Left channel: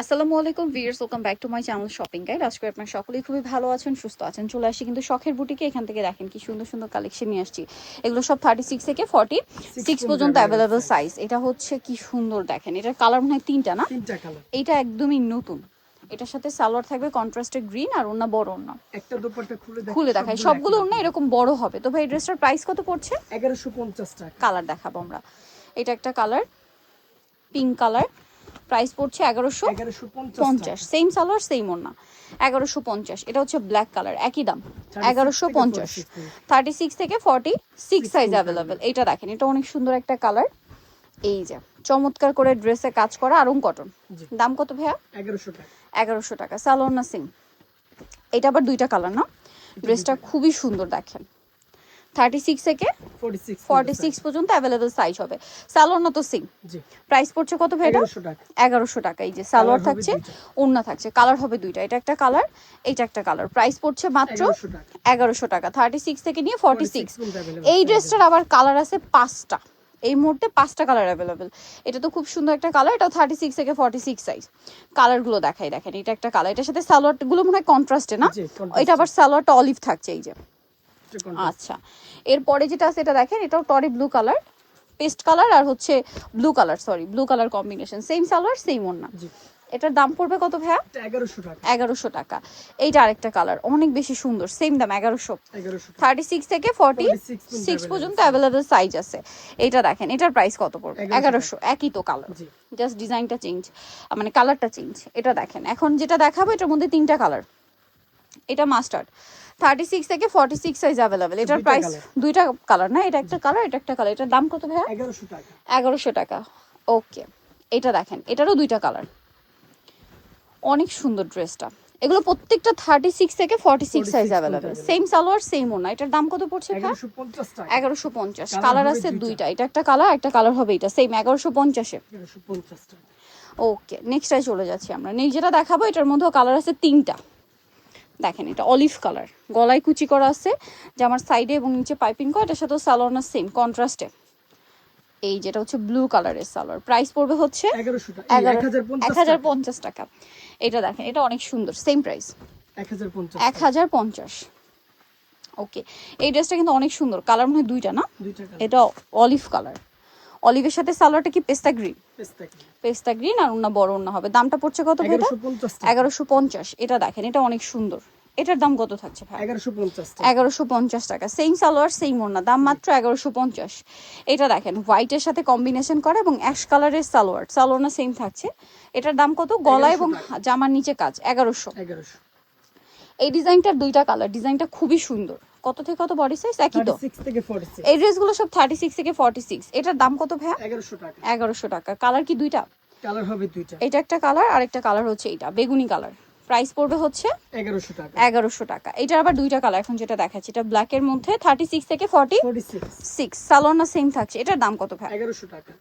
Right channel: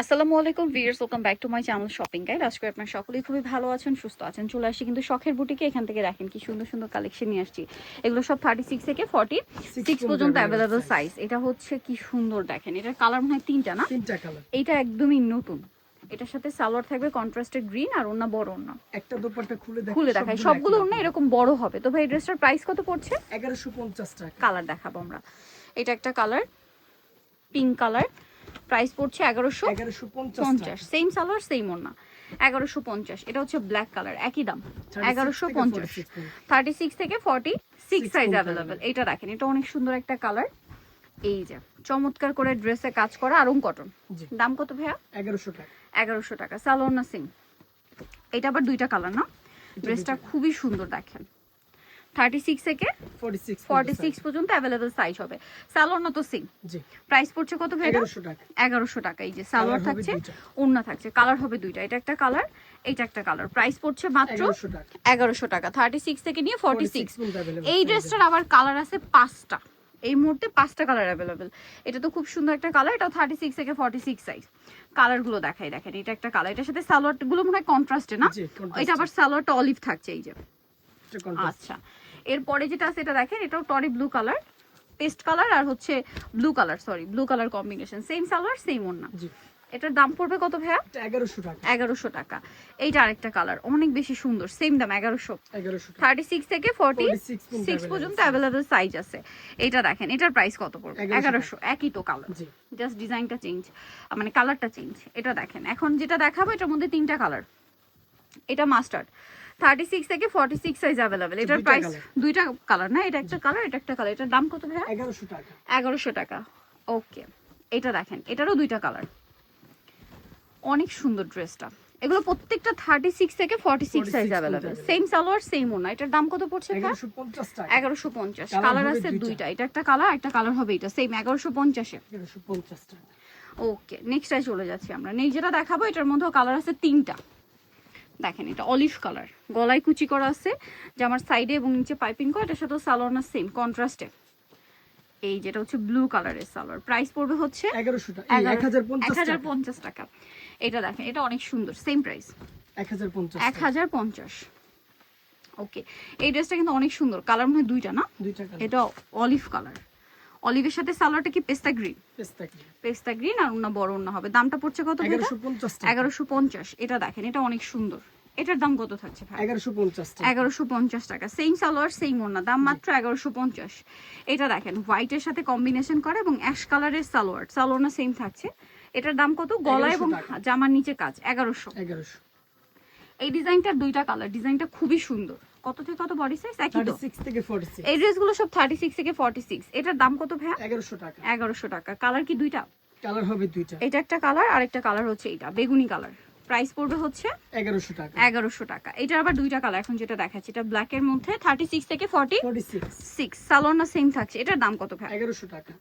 আসসালামু আলাইকুম viewers, welcome back to my channel shopping guide. আজকে আপনারা সকলেই খুবই ভালো আছেন, সুস্থ আছেন। চলে আসি কিন্তু শখের বুটিকে। এখান থেকে দেখেন কি সুন্দর সুন্দর কালেকশন নিয়ে আসছি। এগুলো সব 36 থেকে 46 পর্যন্ত অ্যাভেলেবল সাইজ। এটা হচ্ছে কি সুন্দর দেখেন, এটার কালার মনে হয় তিনটা না? তিনটা কালার। এটা একদমই নতুন। এটার সাথে সালোয়ার থাকবে কন্ট্রাস্টেড গ্রিন আর ওন্না বড় ওন্না। একটা দোপাট্টা খুলে দেখাই, সবগুলো ওন্না এরকম বড় হবে। তো ভাই ড্রেসটার প্রাইস কত পড়ছে? 1150 টাকা। কালার দেখাবো আমরা। এটা একটা কালার, পিঙ্ক কালার। প্রাইস পড়ছে 1150। সেম সালোয়ার সেম ওড়না, 1150। এটা হচ্ছে ব্ল্যাক কালার, একই দাম 1150। 36 থেকে 46 সাইজ অ্যাভেলেবেল। এটা দেখেন, এটা অনেক সুন্দর একটা কালার। এই যে চমৎকার করে ড্রেসে কাজ করা আরং কটন। দাম কত ভাইয়া? 1100 টাকা। 1100 টাকা। সালোয়ার না সেম? এটা আবার দুইটা কালার না? ড্রেসটা খুবই সুন্দর দেখেন। 36 থেকে 46 পর্যন্ত অ্যাভেলেবেল সাইজ হবে। সালোয়ার না তো সেম? জি। প্রাইস পড়ছে কত ভাই? 1100 টাকা। 1100 টাকা। এই যে সালোয়ার থাকছে, ওড়না থাকছে, কালার হবে দুইটা। এটা একটা কালার, এটা একটা কালার। প্রাইস পড়ছে মাত্র 1100 টাকা। 36 থেকে নিয়ে 46। এই ড্রেসটার আবার কালার আছে 5টা। এই মুহূর্তে 5টা কালার অ্যাভেলেবেল। এটা তো খুব সুন্দর একটা কালার। এটাও 36 থেকে 46 সাইজ। কালারগুলো দেখাই, দেখেন এটা একটা কালার। এটার সাথে সালোয়ারগুলো মনে হয় কন্ট্রাস্টে না? এটা আবার সালোয়ারটা অলিভ থাকছে। এই যে আচ্ছা, এরপরে যেটা আছে এটা দেখেন, এটাও টরি ব্লু কালার, পেস্ট কালার আর হচ্ছে blue colour, sorry blue colour combination. Same salwar same ওড়না। এটার দাম পড়বে কত ভাইয়া? 1100 টাকা। 1100 টাকা। এইটা আরেকটা কালার, অনেক বেশি সুন্দর, সেম দাম 1100। 36 থেকে 46 পর্যন্ত অ্যাভেলেবল সাইজ আছে। এইটা দেখেন, এটার প্রাইস কত পড়বে? 1100। একই তো কালার, জাস্ট ডিজাইনটা চেঞ্জ, মানে কালারটা চেঞ্জ। এটা দেখেন, এখন যেটা দেখাবো এটার মধ্যে তিনটা কালার। এটা মাস্টার্ড, 36 থেকে 46 সাইজ অ্যাভেলেবেল। এটার প্রাইস দুইটা কালার না? এটা একটা কালার, এটা একটা কালার। এটার দাম কত ভাইয়া? 1100 টাকা। 1100 টাকা। ওকে, এটা দেখেন, এটারও দুইটা কালার। অনেক সুন্দর ড্রেসটা। এগুলো প্রত্যেকটা 36 থেকে 46 size available. Same salwar same ওড়না। এটার দাম কত পড়ছে? 1150 টাকা। 1150। কালার আছে দুইটা, এটা একটা কালার, একটা কালার হবে এটা। সেম 1150 এ। 1150 টাকা। ওকে, নেক্সটটায় চলে যাচ্ছি আমরা। নেক্সট যেটা দেখাবো এটার মধ্যেও কালার আছে তিনটা। দেখেন, এটা অলিভ কালার, গলায় কুচি করা আছে, জামার সাইডে এবং নিচে পাইপিং করা। এটার সাথে সালোয়ার না সেম কন্ট্রাস্টে। এই যেটা হচ্ছে ব্লু কালারের সালোয়ার। প্রাইস পড়বে হচ্ছে 1100 টাকা। 1050 টাকা। এটা দেখেন, এটা অনেক সুন্দর, সেম প্রাইস 1050। ওকে, এই ড্রেসটা কিন্তু অনেক সুন্দর। কালার মনে হয় দুইটা না? এটা অলিভ কালার, অলিভের সাথে সালোয়ারটা কি পেস্তা গ্রিন? পেস্তা গ্রিন আর ওন্না বড় ওন্না হবে। দামটা পড়ছে কত? 1150। এটা দেখেন, এটা অনেক সুন্দর। এটার দাম কত থাকছে ভাই? 1150 টাকা। সেম সালোয়ার সেম ওড়না, দাম মাত্র 1150। এটা দেখেন, হোয়াইটের সাথে কম্বিনেশন করা এবং অ্যাশ কালারের সালোয়ার, সালোয়ার না সেম থাকছে। এটার দাম কত? গলা এবং জামার নিচে কাজ 1100। এই ডিজাইনটার দুইটা কালার, ডিজাইনটা খুবই সুন্দর। কত থেকে কত বডি সাইজ? একই তো? 36 থেকে 46। এই ড্রেসগুলো সব 36 থেকে 46। এটার দাম কত ভাই? 1100 টাকা। 1100 টাকা। কালার কি দুইটা? কালার হবে দুইটা। এটা একটা কালার আর একটা কালার হচ্ছে এটা বেগুনি কালার। প্রাইস পড়বে হচ্ছে 1100 টাকা। 1100 টাকা। এটার আবার দুইটা কালার এখন যেটা দেখাচ্ছি, এটা ব্ল্যাক এর মধ্যে 36 থেকে 46। সালোয়ার না সেম থাকছে। এটার দাম কত ভাই? 1100 টাকা।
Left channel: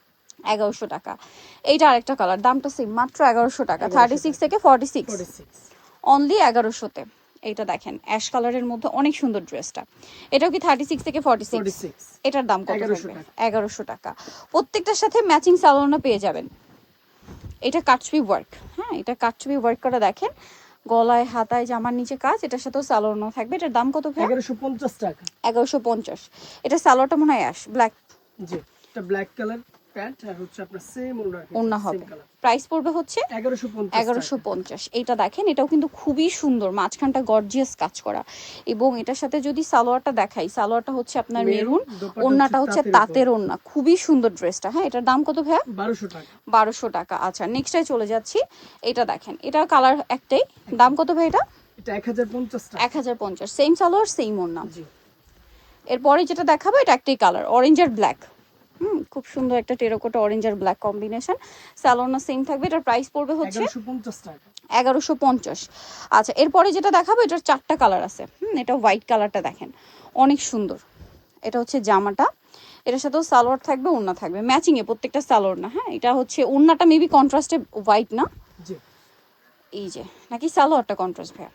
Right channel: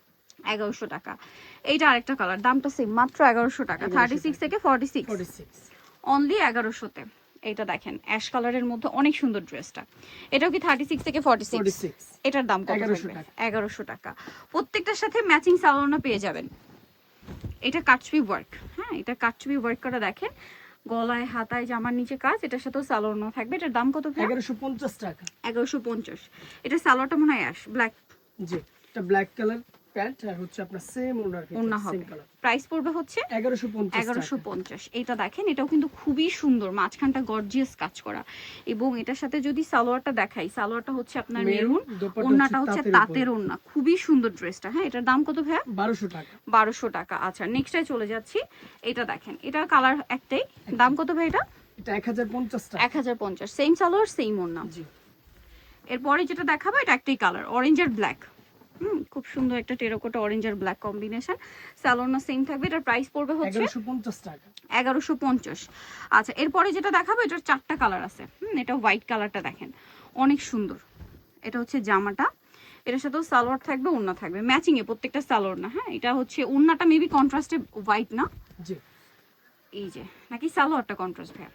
1100 টাকা। এইটা আরেকটা কালার, দামটা সেম, মাত্র 1100 টাকা। 36 থেকে 46 অনলি 1100 তে। এইটা দেখেন, অ্যাশ কালারের মধ্যে অনেক সুন্দর ড্রেসটা। এটাও কি 36 থেকে 46? এটার দাম কত? 1100 টাকা। প্রত্যেকটার সাথে ম্যাচিং সালোয়ার পেয়ে যাবেন। এটা কাটছবি ওয়ার্ক, হ্যাঁ এটা কাটছবি ওয়ার্ক করা। দেখেন, গলায় হাতায় জামার নিচে কাজ। এটার সাথেও সালোয়ার থাকবে। এটার দাম কত ভাই? 1150 টাকা। 1150। এটা সালোয়ারটা মনে হয় অ্যাশ ব্ল্যাক। জি, এটা ব্ল্যাক কালার প্যান্ট আর হচ্ছে আপনার সেম ওড়না হবে। প্রাইস পড়বে হচ্ছে 1150। এইটা দেখেন, এটাও কিন্তু খুবই সুন্দর, মাঝখানটা গর্জিয়াস কাজ করা। এবং এটার সাথে যদি সালোয়ারটা দেখাই, সালোয়ারটা হচ্ছে আপনার মেরুন, ওড়নাটা হচ্ছে তাঁতের ওড়না। খুবই সুন্দর ড্রেসটা। হ্যাঁ, এটার দাম কত ভাইয়া? 1200 টাকা। 1200 টাকা। আচ্ছা, নেক্সটে চলে যাচ্ছি। এটা দেখেন, এটা কালার একটাই, দাম কত ভাই? এটা 1050 টাকা। 1050। সেম সালোয়ার সেম ওড়না। এরপরে যেটা দেখাবো এটা একটাই কালার, অরেঞ্জ আর ব্ল্যাক। খুব সুন্দর একটা টেরাকোটা অরেঞ্জ আর ব্ল্যাক কম্বিনেশন। সালোয়ার সেম থাকবে। এটার প্রাইস পড়বে হচ্ছে 1150 টাকা। 1150। আচ্ছা, এরপরে যেটা দেখাবো এটার চারটা কালার আছে। এটা হোয়াইট কালারটা দেখেন, অনেক সুন্দর। এটা হচ্ছে জামাটা, এটার সাথেও সালোয়ার থাকবে, ওড়না থাকবে ম্যাচিং এ প্রত্যেকটা সালোয়ার না। হ্যাঁ, এটা হচ্ছে ওড়নাটা মেবি কন্ট্রাস্টে হোয়াইট না? জি। এই যে, নাকি সালোয়ারটা কন্ট্রাস্ট ভাই?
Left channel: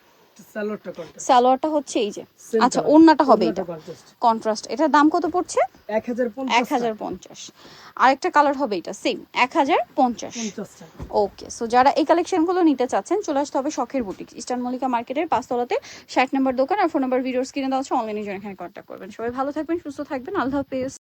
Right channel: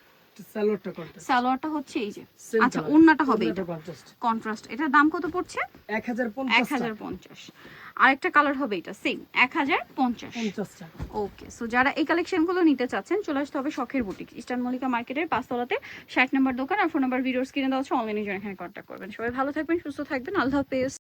সালোয়ারটা কন্ট্রাস্ট। সালোয়ারটা হচ্ছে এই যে, Same আচ্ছা color, ওড়নাটা হবে এটা কন্ট্রাস্ট। কন্ট্রাস্ট। এটার দাম কত পড়ছে? 1050 1050। আরেকটা কালার হবে এটা সেম 1050। 50 টাকা। ওকে, সো যারা এই কালেকশনগুলো নিতে চাচ্ছেন চলে আসতে হবে শখের বুটিক, ইস্টার্ন মল্লিকা মার্কেটের 5 তলাতে 60 নম্বর দোকান। আর ফোন নাম্বার ভিডিওর স্ক্রিনে দেওয়া আছে, অনলাইনে জয়েন হয়ে কন্ট্যাক্ট করবেন। সবাই ভালো থাকবেন, সুস্থ থাকবেন, আল্লাহ হাফেজ।